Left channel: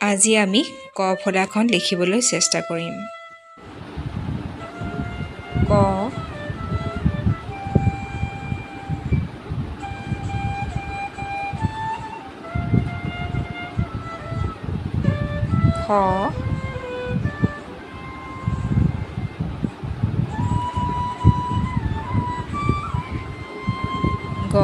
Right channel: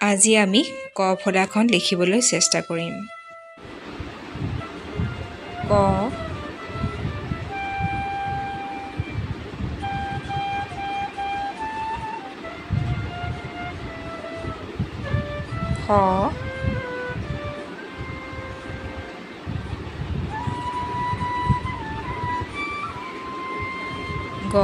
আজি আমি ক ফলাখন লিখিবলৈ চেষ্টা কৰিম। ক, খ, গ,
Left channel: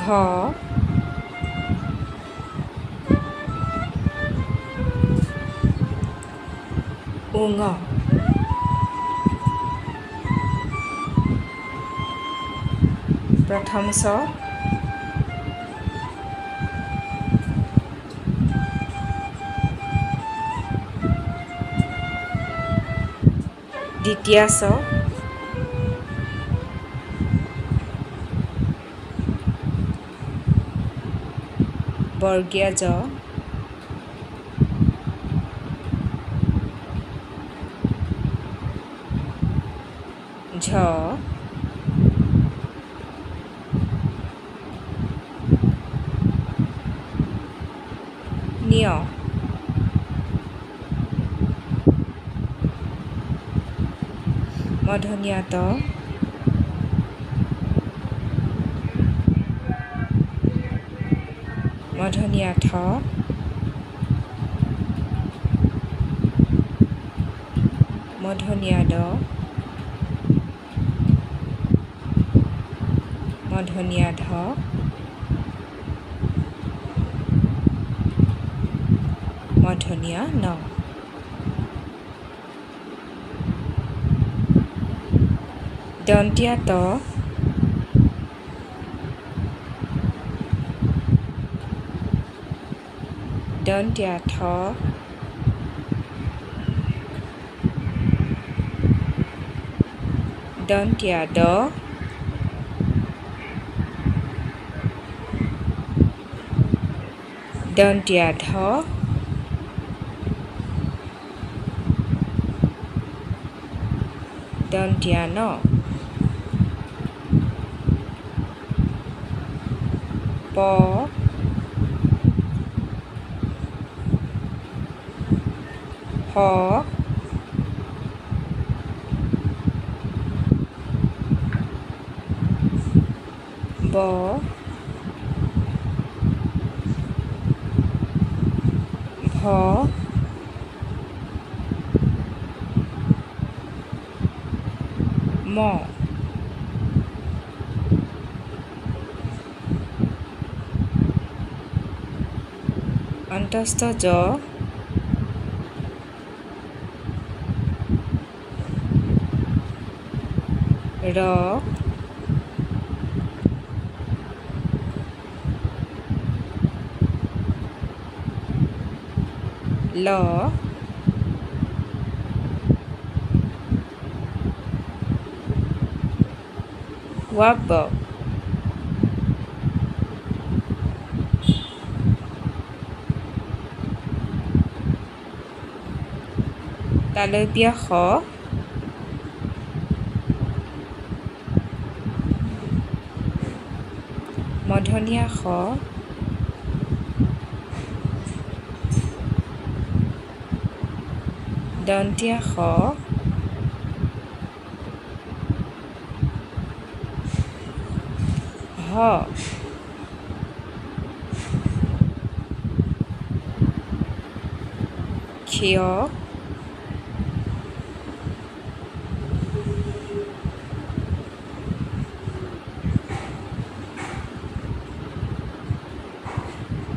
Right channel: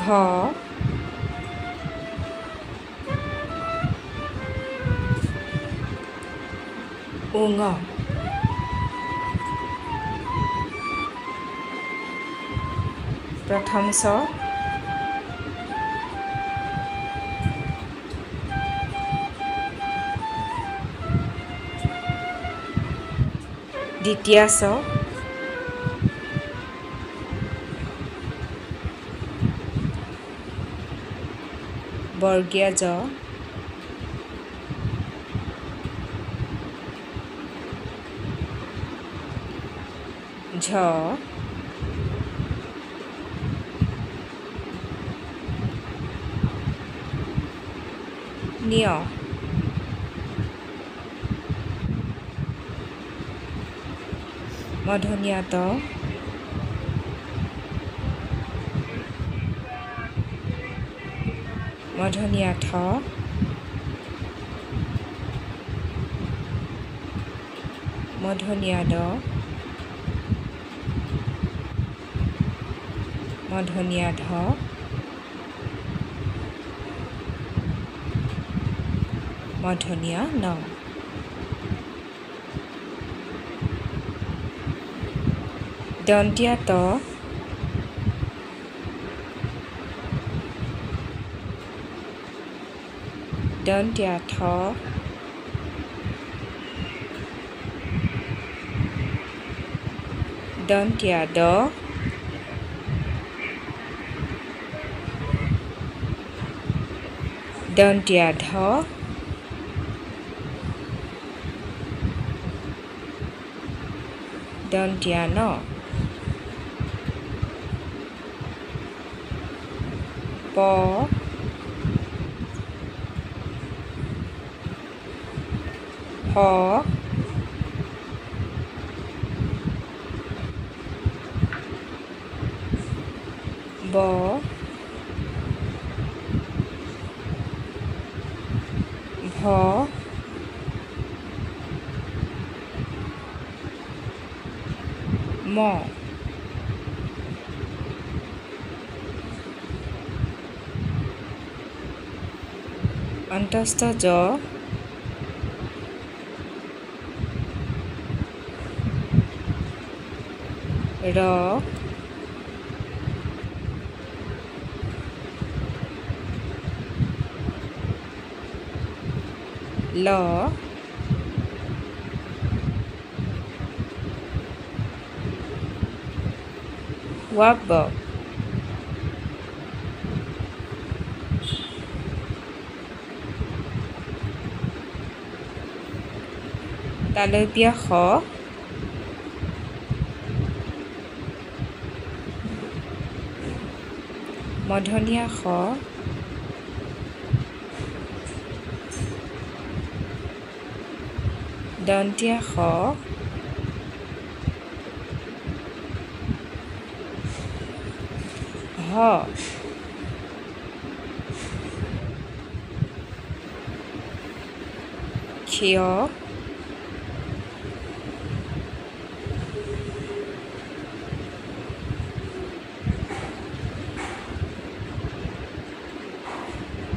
ঘ, ঙ। প্ৰথম চ, দ্বিতীয় চ, বৰ্গীয় জ, ঝ, ঞ। মূৰ্ধন্য ত, মূৰ্ধন্য ঠ, মূৰ্ধন্য ড, মূৰ্ধন্য ধ, মূৰ্ধন্য ণ। দন্ত্য ত, দন্ত্য থ, দন্ত্য দ, দন্ত্য ধ, দন্ত্য ন। প, হ, ব, ভ, ম। অন্তস্থ জ, ৰ, ল, ৱ, তালব্য শ, মূৰ্ধন্য ষ, দন্ত্য স, হ, ক্ষয়,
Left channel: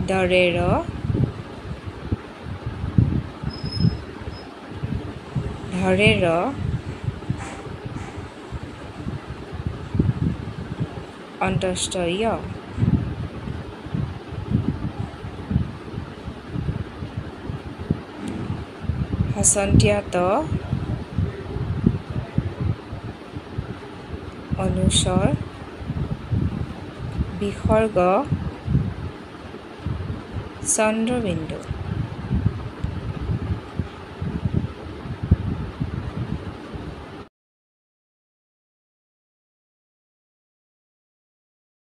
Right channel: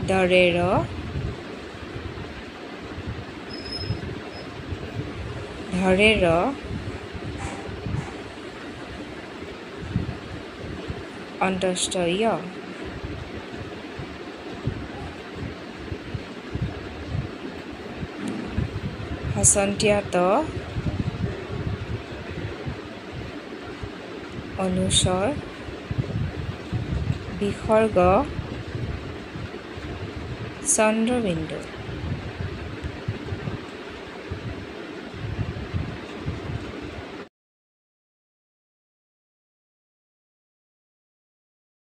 দৰেৰ, ধৰেৰ, অন্তস্থ য়। হসন্ত ত, অনুস্বৰ, বিসৰ্গ, চন্দ্ৰবিন্দু।